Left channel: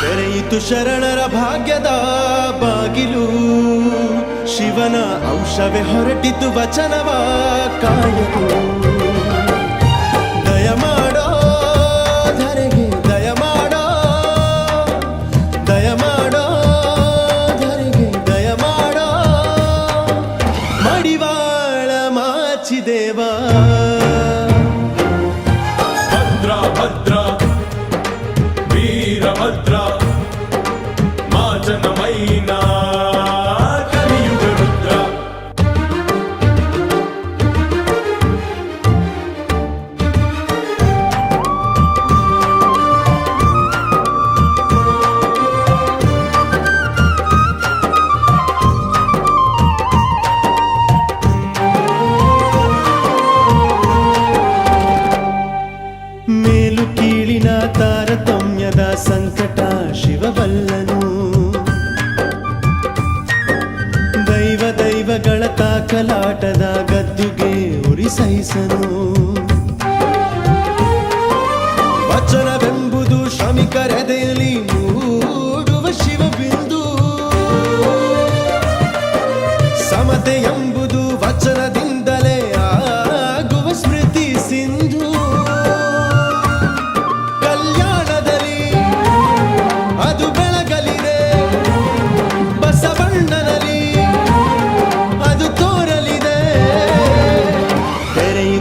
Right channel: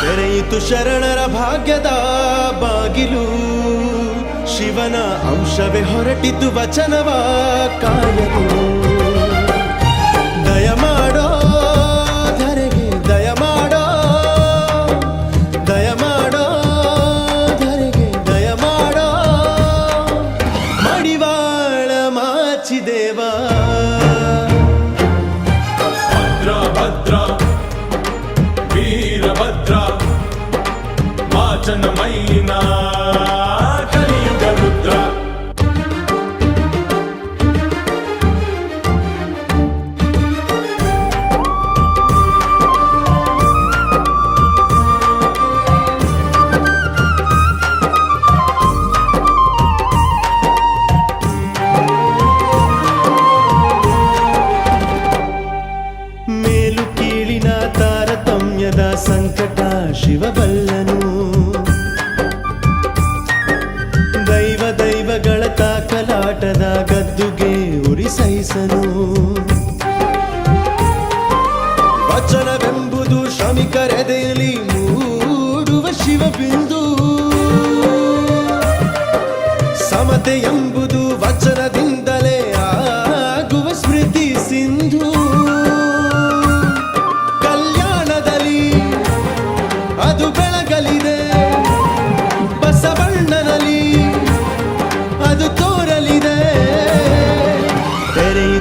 ತೆರೆಯಿತು ಶರಣರ ಭಾಗ್ಯದ ಬಾಗಿಲು. ಶಿವನ ಅಂಶವೇ ಹೊರಟಿತು ವಚನವ ಕಾಯಲು. ದಯಮಾಡೋ ಧರೆಗೆ ದಯಮಾಡೋ ಮಾಡೋ, ದಯ ಮಾಡೋ ಧರೆಗೆ, ದಯ ಮಾಡೋ. ಮಡಿವಾಳ ಮಾಚಿದೇವಾ. యాత్ర మా జనమైన కలియుగ రుద్ర మేలు కీళిన తార ತಾರತಮ್ಯದ ಸಂಕಟ ಶಿವಬಲ್ಲನು. ದೈವ ದೈವಗಳ ತಾಕಲಾಟದ ಗದ್ದುಗೆ ಉರಿ ಸಹಿಸನು. ವಚನವೆಂಬುದು ಶ್ರಮಿಕರೆದೆಯಲ್ಲಿ ಮೂಡುವ ಶಿವಬಿಂದು. ಸಮತೆ ಎಂಬುದು ವಚನದಿಂದಲೇ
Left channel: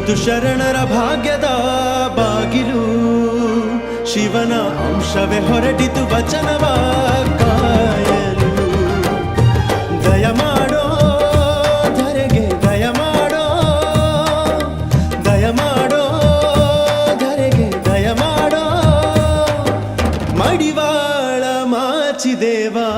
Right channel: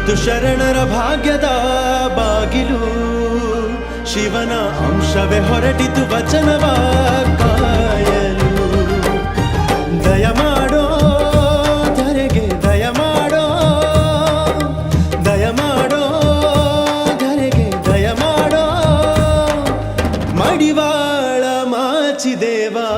ತೆರೆಯಿತು ಶರಣರ ಭಾಗ್ಯದ ಬಾಗಿಲು. ಶಿವನ ಅಂಶವೇ ಹೊರಟಿತು ವಚನವ ಕಾಯಲು. ದಯ ಮಾಡೋ ಧರೆಗೆ, ದಯ ಮಾಡೋ ದಯ ಮಾಡೋ ಧರೆಗೆ, ದಯ ಮಾಡೋ. ಮಡಿವಾಳ ಮಾಚಿದೇವಾ.